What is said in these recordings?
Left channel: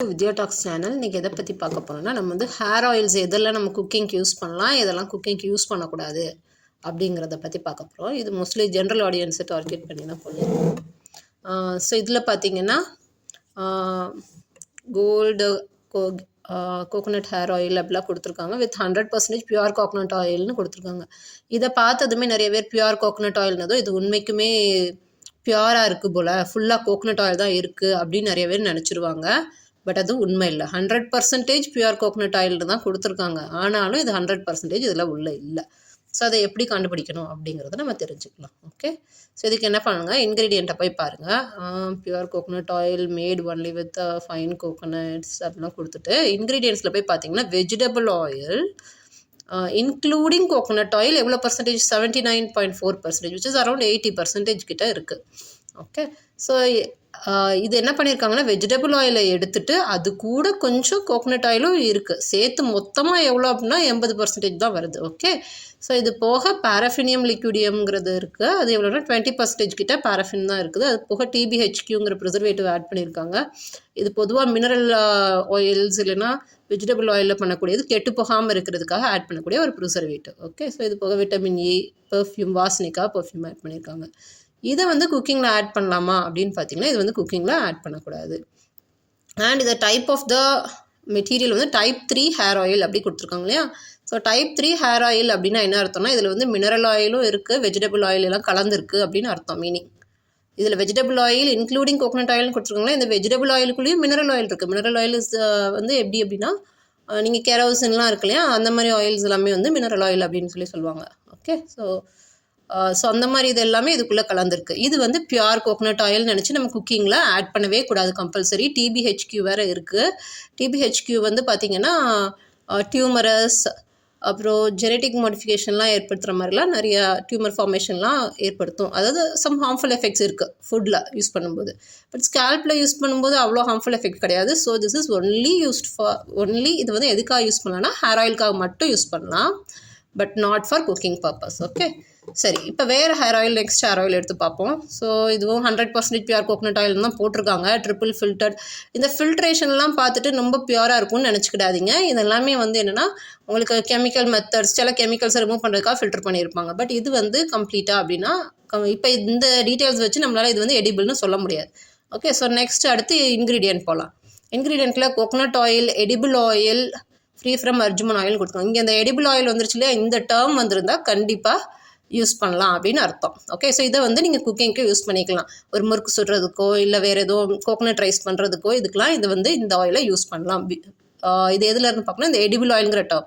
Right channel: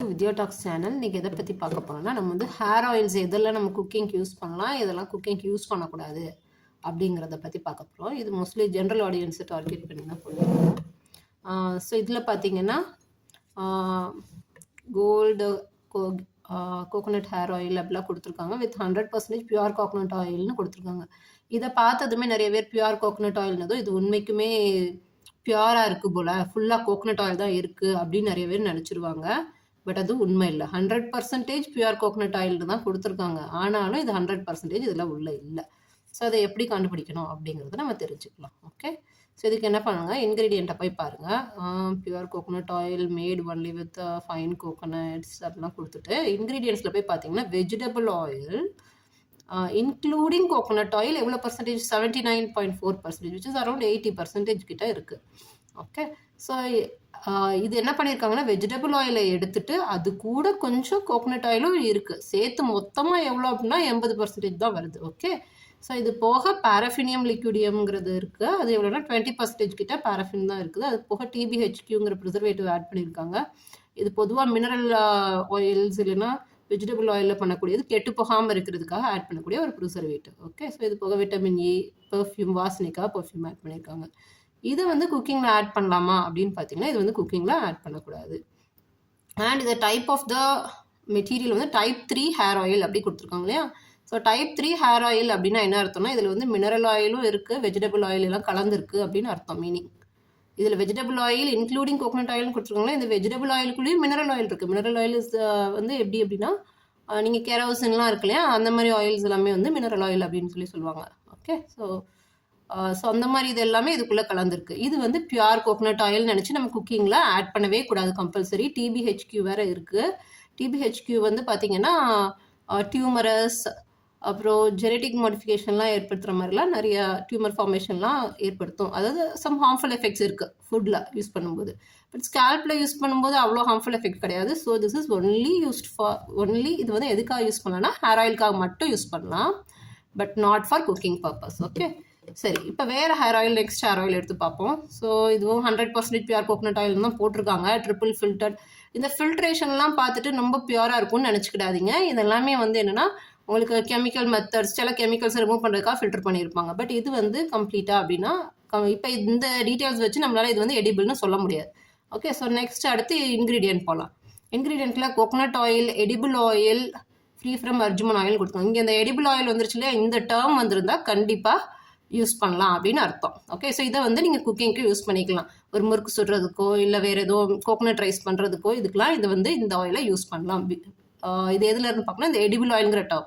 வித்யா tax channel. இன்றைக்கி எதை பற்றி பார்க்க போகிறோம்னா, நம்ம வந்து ஹேர் ஆயில்ஸ் எதெல்லாம் நம்ம குக்கிங்க்கு யூஸ் பண்ணலாம், இதெல்லாம் குக்கிங்க்கு யூஸ் பண்ணக்கூடாது அப்படிங்கிறத பற்றி பார்க்க போகிறோம். இது மோஸ்ட்லி ஜென்ரல் ஆடியன்ஸை டார்கெட் பண்ணி தான் போடுவோம். ஸோ இதில் பார்த்தீங்கன்னா கோல்டு கோகோனட் ஹேர் ஆயில் அப்படிலாம் கொடுத்துருக்காங்க. வித் 100% பியூர் கோகோனட் ஆயில்னு கொடுத்துருக்காங்க. இதை பார்த்ததுமே நிறைய பேர் பியூர் கோகோனட் ஆயில்னதும் இது உண்மைக்குமே பியூராக இருக்குது போல், ஃபுல்லாக கோகோனட் ஆயில் தான் இருக்குது அப்படின்னு நிறைய பேர் நினச்சிருவாங்க. பட் அது உண்மை இல்லை. 100% பியூர் கோகோனட் ஆயில் தான் கொடுத்துருக்காங்க. ஆனாலும் இது 100% இதில் உள்ள இல்லை. ஸோ அதை எப்படி கண்டுபிடிக்கணும் அப்படிங்கிறத நம்ம தெரிஞ்சுக்கலாம். ஓகே, ஸோ இதுக்கு என்ன பண்ணுங்க, இன்க்ரீடியண்ட்டை போய் பாருங்கள். Pure coconut oil mat only with fine coconuts அப்படிலாம் கொடுத்துட்டு இன்க்ரீடியன்ஸில் போய் பார்த்தீங்கன்னா vegetable oil including coconut oil எவ்வளோ பர்சன்டேஜ், 79.4%, விச் இஸ் அரௌண்ட் 80% கிட்ட இருக்குது. ஓகே, ஸோ இது என்ன பண்ணியிருக்காங்கன்னா, வெஜிடபிள் ஆயிலை எடுத்துகிட்டு அது கூட கொஞ்சம் கோகோனட் ஆயிலும் இருக்குது, சேர்த்து மொத்தமாக எவ்வளோ அப்படின்னா 80% தான் வருது. ஓகே, ஸோ இது போக பாராஃபினியம் லிக்விடியம்ங்கிறது இருக்குது, அது எவ்வளோனா 20% கிட்ட பாராஃபின் தான் இருக்குது. அது போக TBHQங்கிற ப்ரிசர்வேட்டிவ் ஆட் பண்ணியிருக்காங்க. இது பொதுவாக மினரல் ஆயில்ஸ் இல்லைன்னா வெஜிடபிள் ஆயிலில் பண்ணக்கூடியது, கெட்டு போகாமல் இருக்கிறதுக்காக ஆட் பண்ணக்கூடிய ஒரு ப்ரிசர்வேட்டிவ். ஓகே, ஸோ இது போக விட்டமின் E, பெர்ஃப்யூம், வாசனைக்காக பெர்ஃப்யூம் ஆட் பண்ணியிருக்காங்க. இதை வந்து குக்கிங்கில் ஆட் பண்ணலாமா அப்படின்னு பார்த்தீங்கன்னா, இது வந்து குக்கிங்கில் ஆட் பண்ணக்கூடாது. அண்ட் இந்த டைப் ஆஃப் த மெட்டீரியல் வந்து டைப் 3 ஹேர் ஆயில் அப்படி கொடுத்துருக்காங்க இல்லையா. ஸோ டைப் 3 ஹேர் ஆயில் அப்படின்னா என்ன அர்த்தம்னா, இதில் வந்து மினரல் ஆயிலும் இருக்குது, வெஜிடபிள் ஆயில் எல்லாம் கலந்துருக்கு அப்படின்னு அர்த்தம். மீனிங் இதில் வெஜிடபிள் ஆயில் இன்க்ளூடிங் கோகோனட் ஆயில்னு கொடுத்துருக்காங்களா, இந்த வெஜிடபிள் ஆயிலுக்குள்ளேயும் மினரல் ஆயில் இருக்குது. மினரல் ஆயில் இஸ் வந்து எப்படி அப்படின்னா, நீங்கள் கெரோசின்லாம் இருக்கு இல்லையா, அந்த மாதிரி ஆயில்ஸ் எல்லாமே வந்து மினரல் ஆயில் அப்படின்னு சொல்லுவாங்க. ஓகே, ஸோ அந்த மாதிரி இது எல்லாமே இதுக்குள்ளே கலந்துருக்கு. இது வந்து பியூர் கோகோனட் ஆயில் நினச்சி நம்ம குக்கிங்கில் ஆட் பண்ணவே கூடாது, கம்பல்சரி. TBHQ வேறு இருக்குது. TBHQ வந்து பார்த்திங்கன்னா டியூமரஸ், அப்புறம் ஜெனட்டிக் மாடிஃபிகேஷன்லாம் ஏற்படுத்துகிற மாதிரிலாம் நிறையா டியூமர் ஃபார்மேஷன்லாம் ஏற்படுத்தும். அதாவது சம் ஹார்ம்ஃபுல் எஃபெக்ட்ஸ் இருக்குது ஃபுட்டில் யூஸ் பண்ணும்போது. பட் ஸ்கேல்பில் யூஸ் பண்ணும்போது அவ்வளோ ஹார்ம்ஃபுல் எஃபெக்ட் கிடையாது. So this is only used for இது வந்து எதுக்காக யூஸ் பண்ணலாம்னா, ஹேர் ஆயிலுக்காக மட்டும் யூஸ் பண்ணலாம், but not for cooking purpose. Okay, சரி, இப்போ வேறு hair oil, next hair oil எடுத்து பார்ப்போம். ஸோ இதுவும் 100% பியூர் கோகோனட் ஆயில் தான் போட்டிருக்காங்க, ட்ரிபிள் ஃபில்டர்ட். இந்த ஃபில்ட்ரேஷன்லாம் பார்த்துட்டு ரொம்ப பியூராக இருக்கும்னு நினச்சிக்கிடாதீங்க. இதெல்லாமே வந்து என்னென்னா, உங்களுக்கு கெமிக்கல் மெத்தட்ஸ், சில கெமிக்கல்ஸை ரிமூவ் பண்ணுறதுக்காக ஃபில்டர் பண்ணியிருப்பாங்க. பட் இது வந்து கம்ப்ளீட்டாக அப்படின்னா இப்போ இந்த டீட்டெயில்ஸ் வச்சு நம்மளால் இது வந்து எடிபிள்னு சொல்ல முடியாது. ஓகே, ஸோ நெக்ஸ்ட் அடுத்து இன்க்ரீடியன்ட் போகலாம். இன்க்ரீடியண்ட்டில் coconut oil, edible oil, free from argemone oil கொடுத்துருவாங்க. இங்கே இந்த எடிபிள் ஆயில் வந்துருச்சு இல்லையா, இந்த டேர்ம் வந்திருந்தால் கண்டிப்பாக யூஸ் பண்ணலாம் அப்படின்னு அர்த்தம். ஓகே, ஸோ இதை வந்து நீங்கள் குக்கிங்க்கு யூஸ் பண்ணிக்கலாம். ஒரு முறுக்கு சுடுறதுக்கோ இல்லை வேறு ஏதோ கோகோனட் ரைஸ் பண்ணுறதுக்கோ இதுக்கெலாம் இது வந்து இந்த ஆயிலை யூஸ் பண்ணலாம். இது எதில் இருந்து பார்க்கணும், இந்த எடிபிள் ஆயிலுங்கிற டேர்ம்.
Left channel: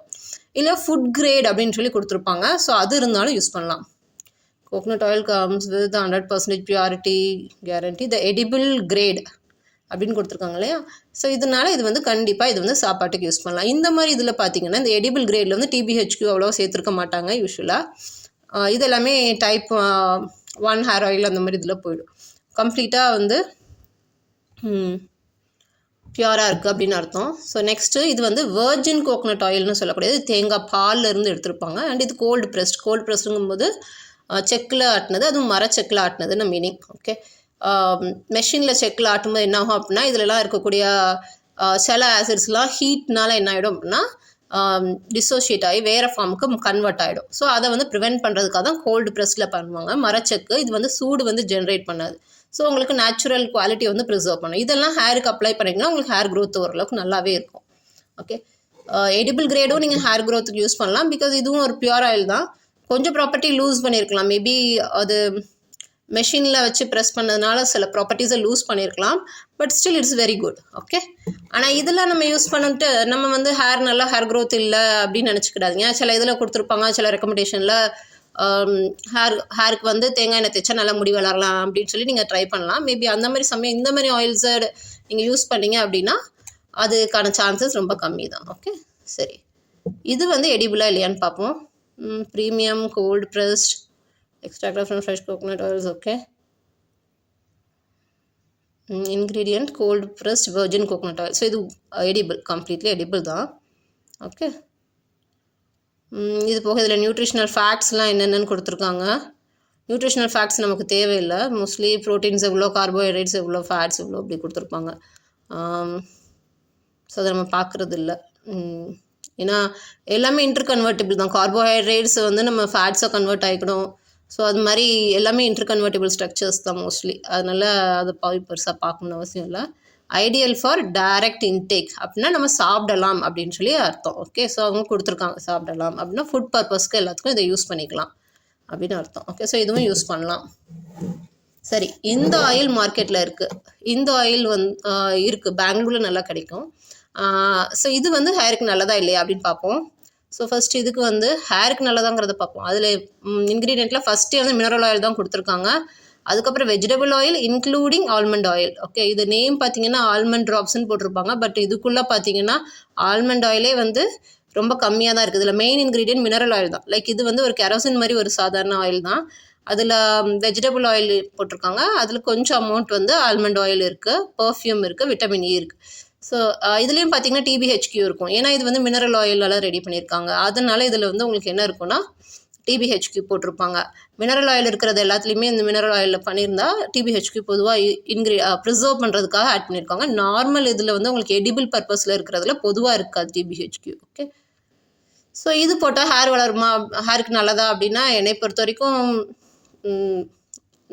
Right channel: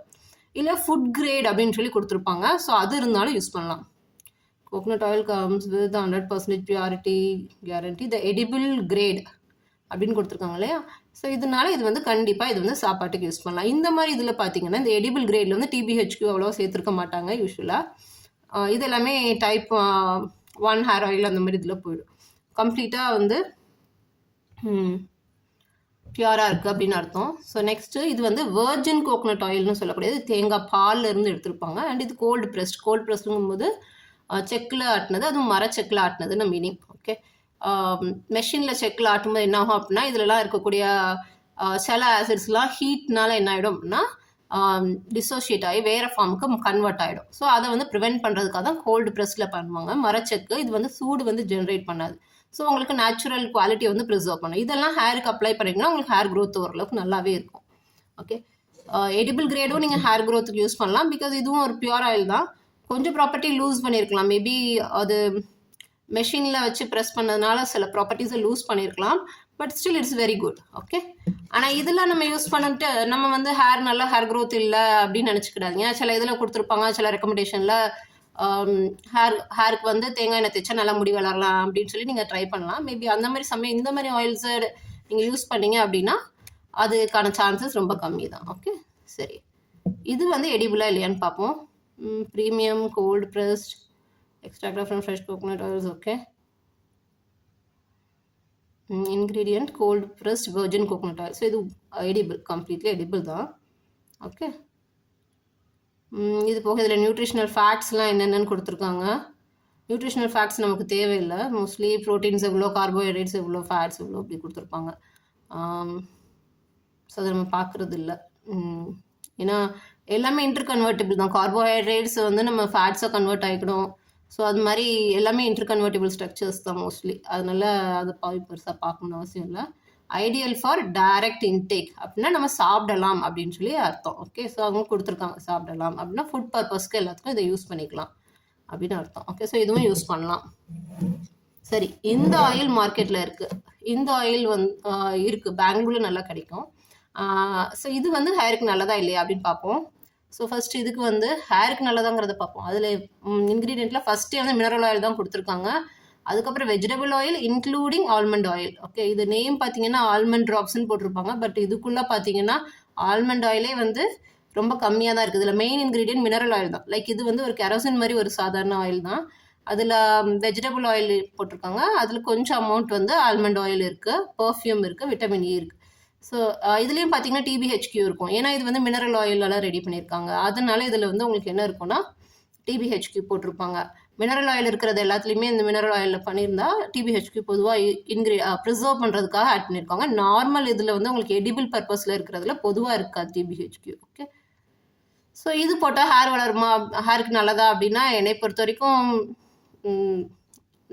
இல்லை ஃபுட் கிரேட் அப்படின்னு சொல்லி கொடுத்துருப்பாங்க, ஸோ அது இருந்தாலும் யூஸ் பண்ணலாம். Coconut oil comes with 100% purity guarantee, the edible grade அப்படின்னு கொடுத்துருக்காங்க இல்லையா. ஸோ இதனால இது வந்து கண்டிப்பாக இது வந்து சாப்பாட்டுக்கு யூஸ் பண்ணலாம். இந்த மாதிரி இதில் பார்த்தீங்கன்னா, இந்த எடிபிள் கிரேடில் வந்து TBHQ அவ்வளோ சேர்த்துருக்க மாட்டாங்க யூஸ்வலாக. இது எல்லாமே டைப் 1 ஹேர் ஆயில் அந்த மாதிரி இதில் போயிடும். கம்ப்ளீட்டாக வந்து பியூராக இருக்குது அப்படின்னு அர்த்தம். ஸோ நெக்ஸ்ட்டு இது வந்து வெர்ஜின் கோகோனட் ஆயில்னு சொல்லக்கூடியது, தேங்காய் பாலில் இருந்து எடுத்திருப்பாங்க. அண்ட் இது கோல்டு ப்ரெஸ்டுங்கும்போது செக்கில் ஆட்டினது, அதுவும் மரச்செக்கில் ஆட்டினதுன்னு மீனிங். ஓகே, மெஷினில் செக்கில் ஆட்டும்போது என்ன ஆகும் அப்படின்னா, இதிலலாம் இருக்கக்கூடிய சில ஆசிட்ஸ்லாம் ஹீட்னால என்ன ஆகிடும் அப்படின்னா டிசோஷியேட் ஆகி வேறு ஃபார்முக்கு கன்வெர்ட் ஆகிடும். ஸோ அதை வந்து ப்ரிவெண்ட் பண்ணுறதுக்காக தான் கோல்டு ப்ரெஸ்ஸில் பண்ணுவாங்க. மரச்செக்கு இது வந்து சூடு வந்து ஜென்ரேட் பண்ணாது. ஸோ உங்களுக்கு நேச்சுரல் குவாலிட்டி வந்து ப்ரிசர்வ் பண்ணும். இதெல்லாம் ஹேருக்கு அப்ளை பண்ணிங்கன்னா உங்களுக்கு ஹேர் க்ரோத் ஓரளவுக்கு நல்லாவே இருக்கும். ஓகே, எடிபிள் கிரேடும் நீங்கள் ஹேர் க்ரோத்துக்கு யூஸ் பண்ணலாம், பிகாஸ் இதுவும் ஒரு பியூர் ஆயில் தான். கொஞ்சம் ப்ராப்பர்ட்டி லூஸ் பண்ணியிருக்கலாம், மேபி அது மெஷினில் வச்சு ப்ரெஸ் பண்ணதுனால சில ப்ராப்பர்ட்டிஸை லூஸ் பண்ணியிருக்கலாம், but still it's very good. Okay, ஆனால் இதெல்லாம் நம்ம யூஸ் பண்ணிட்டு நம்ம வந்து நல்லா ஹேர் க்ரோத் இல்லை அப்படின்னு நினச்சிக்கிடாதீங்க. சில இதில் கொடுத்துருப்பாங்க, சில ரெக்கமெண்டேஷனில் ஹேருக்கு வந்து தேங்காய் எண்ணெய் தேய்ச்சா நல்லா முடி வளரலாம் அப்படின்னு சொல்லி நீங்கள் ட்ரை பண்ணலாம். மேபி அந்த மாதிரி சமயம் இந்த மாதிரி ஆயில்ஸை நீங்கள் யூஸ் பண்ணீங்க அப்படின்னா அதுக்கான சான்சஸ் ரொம்ப கம்மி தான். ஓகே, சரி, இது வந்து எடிபிளாக இல்லையான்னு பார்ப்போம். Premium cold pressed extracted from fresh coconut oils. Okay, ingredient cold pressed virgin coconut oil. So இது edible, completely edible தான். ஓகே, இது போக இதில் நியூட்ரிஷனல் ஃபேக்ட்ஸ்லாம் என்னென்னு கொடுத்துருக்காங்க. நியூட்ரிஷனல் ஃபேக்ட்ஸ் நமக்கு தேவையில்லை. மோஸ்ட்லி ப்ரோட்டீன்ஸ் எவ்வளோ, கார்போஹைட்ரேட்ஸ் எவ்வளோ, ஃபேட்ஸ் எவ்வளோ அப்படி கொடுத்துருப்பாங்க. ஸோ அதை நம்ம பார்க்குறது இல்லை. ஏன்னா எல்லாமே இன்டர் கன்வெர்ட்டிபிள் தான். கார்போஹைட்ரேட்ஸ் வந்து நம்ம ஃபேட்ஸாக கன்வெர்ட் ஆகிக்கணும். ஸோ அது மாதிரி எல்லாமே இன்டர் கன்வெர்ட்டிபிள் ஸ்ட்ரக்சர்ஸ் தான் மோஸ்ட்லி. அதனால் அதை பெருசாக பார்க்கணுன்னு அவசியம் இல்லை. ஐடியல் ஃபார் டைரக்ட் இன்டேக் அப்படின்னா நம்ம சாப்பிடலாம் அப்படின்னு சொல்லி அர்த்தம். ஓகே, ஸோ அவங்க கொடுத்துருக்காங்க சாப்பிடலாம் அப்படின்னா ஃபுட் பர்பஸ்க்கு எல்லாத்துக்கும் இதை யூஸ் பண்ணிக்கலாம் அப்படின்னு அர்த்தம். ஓகே, ஸோ இதுவும் யூஸ் பண்ணலாம். சரி, இந்த ஆயில் மார்க்கெட்டில் இருக்குது. இந்த ஆயில் இருக்குது, பெங்களூரில் நல்லா கிடைக்கும். ஸோ இது வந்து ஹேருக்கு நல்லதா இல்லையா அப்படின்னு பார்ப்போம். ஸோ ஃபஸ்ட்டு இதுக்கு வந்து ஹேருக்கு நல்லதாங்கிறத பார்ப்போம். அதில் இன்க்ரீடியண்ட்டில் ஃபஸ்ட்டே வந்து மினரல் ஆயில் தான் கொடுத்துருக்காங்க. அதுக்கப்புறம் vegetable oil including almond oil. Okay, இது நேம் பார்த்தீங்கன்னா ஆல்மண்ட் ட்ராப்ஸ்ன்னு போட்டிருப்பாங்க. பட் இதுக்குள்ளே பார்த்தீங்கன்னா ஆல்மண்ட் ஆயிலே வந்து ரொம்ப கம்மியாக தான் இருக்குது. இதில் மெயின் இன்க்ரீடியன்ட் மினரல் ஆயில் தான். லைக் இது வந்து ஒரு கெரோசின் மாதிரி ஒரு சாதாரண ஆயில் தான். அதில் வெஜிடபிள் ஆயில் போட்டிருக்காங்க. அதில் கொஞ்சம் அமௌண்ட் வந்து ஆல்மண்ட் ஆயில் இருக்குது, பர்ஃப்யூம் இருக்குது, விட்டமின் இ இருக்குது. ஸோ இதுலேயும் பார்த்தீங்கன்னா டிபிஹெச்கியூ இருக்கும். ஏன்னா இது வந்து மினரல் ஆயிலெல்லாம் ரெடி பண்ணியிருக்காங்க. அதனால இதில் வந்து உங்களுக்கு என்ன இருக்குன்னா டிபிஹெச்கியூ போட்டிருப்பாங்க. மினரல் ஆயில் இருக்கிறது எல்லாத்துலேயுமே இந்த மினரல் ஆயிலில் பண்ணியிருந்தா டிபிஹெச்கியூ பொதுவாக ப்ரிசர்வ் பண்ணுறதுக்காக ஆட் பண்ணியிருக்காங்க. நார்மல் இதில் வந்து உங்களுக்கு எடிபிள் பர்பஸில் இருக்கிறதுல பொதுவாக இருக்காது டிபிஹெச்கியூ. ஓகே, ஸோ இது போட்டால் ஹேர் வளருமா, ஹேருக்கு நல்லதா அப்படின்னா என்னை பொறுத்த வரைக்கும்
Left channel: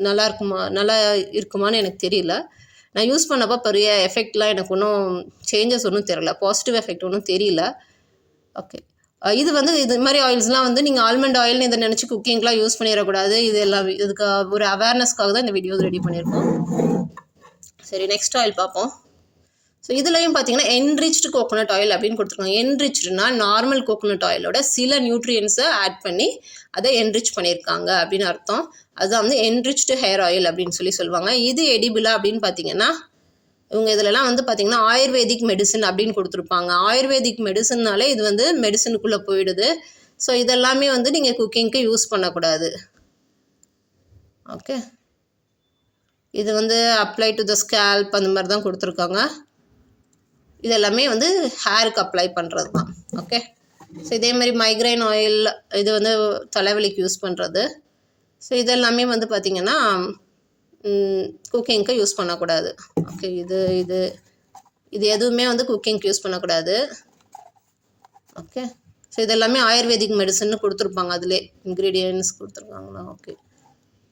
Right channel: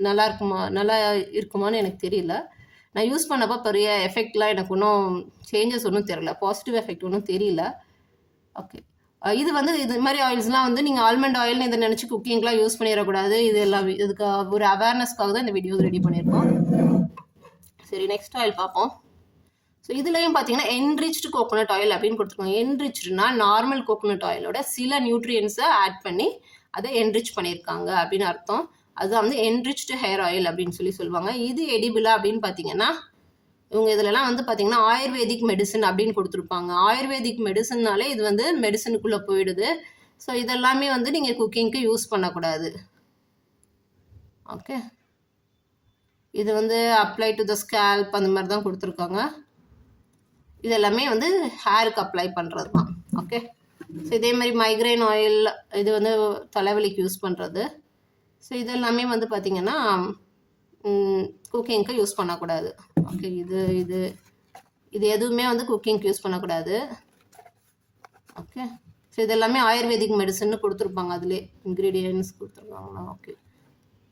நல்லா இருக்குமான்னு எனக்கு தெரியல. நான் யூஸ் பண்ணப்போ பெரிய எஃபெக்ட்லாம் எனக்கு ஒன்றும் சேஞ்சஸ் ஒன்றும் தெரியல, பாசிட்டிவ் எஃபெக்ட் ஒன்றும் தெரியல. ஓகே, இது வந்து இது மாதிரி ஆயில்ஸ்லாம் வந்து நீங்கள் ஆல்மண்ட் ஆயில்னு இதை நினச்சி குக்கிங்லாம் யூஸ் பண்ணிடக்கூடாது. இது எல்லாம் இதுக்கு ஒரு அவேர்னஸ்க்காக தான் இந்த வீடியோஸ் ரெடி பண்ணியிருக்கோம். சரி, நெக்ஸ்ட் ஆயில் பார்ப்போம். ஸோ இதுலேயும் பார்த்தீங்கன்னா என்ரிச்டு கோகோனட் ஆயில் அப்படின்னு கொடுத்துருக்காங்க. என்ரிச்டுனா நார்மல் கோகோனட் ஆயிலோட சில நியூட்ரியன்ஸை ஆட் பண்ணி அதை என்ரிச் பண்ணியிருக்காங்க அப்படின்னு அர்த்தம். அதுதான் வந்து என்ரிச்டு ஹேர் ஆயில் அப்படின்னு சொல்லுவாங்க. இது எடிபிளா அப்படின்னு பார்த்தீங்கன்னா இவங்க இதிலலாம் வந்து பார்த்தீங்கன்னா ஆயுர்வேதிக் மெடிசன் அப்படின்னு கொடுத்துருப்பாங்க. ஆயுர்வேதிக் மெடிசன்னாலே இது வந்து மெடிசனுக்குள்ளே போயிடுது. ஸோ இதெல்லாமே வந்து நீங்கள் குக்கிங்க்கு யூஸ் பண்ணக்கூடாது. ஓகே, இது வந்து அப்ளை டு த ஸ்கேல்ப் அந்த மாதிரி தான் கொடுத்துருக்காங்க. இது எல்லாமே வந்து ஹேருக்கு அப்ளை பண்ணுறது தான். ஓகே, ஸோ இதே மாதிரி மைக்ரைன் ஆயில் இது வந்து தலைவலிக்கு யூஸ் பண்ணுறது. ஸோ இதெல்லாமே வந்து பார்த்திங்கன்னா குக்கிங்க்கு யூஸ் பண்ணக்கூடாது. ஓகே, இது எதுவுமே வந்து குக்கிங்க்கு யூஸ் பண்ணக்கூடாது. ஓகே, ஸோ இதெல்லாமே ஆயுர்வேதிக் மெடிசன்னு கொடுத்துருப்பாங்க. அதிலே இன்க்ரீடியன்ட்ஸ் கொடுத்துருக்காங்களா. ஓகே,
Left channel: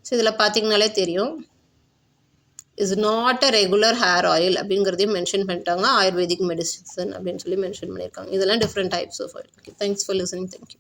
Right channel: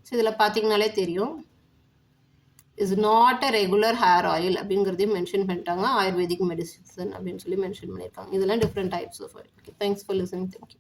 ஸோ இதில் பார்த்திங்கனாலே தெரியும் is not a regular hair oil அப்படிங்கிறதையும் மென்ஷன் பண்ணிட்டாங்க. ஆயுர்வேதிக் மெடிசன் அப்படின்னு சொல்லி மென்ஷன் பண்ணியிருக்காங்க. இதெல்லாம் different types of oil. Okay, thanks for listening. Thank you.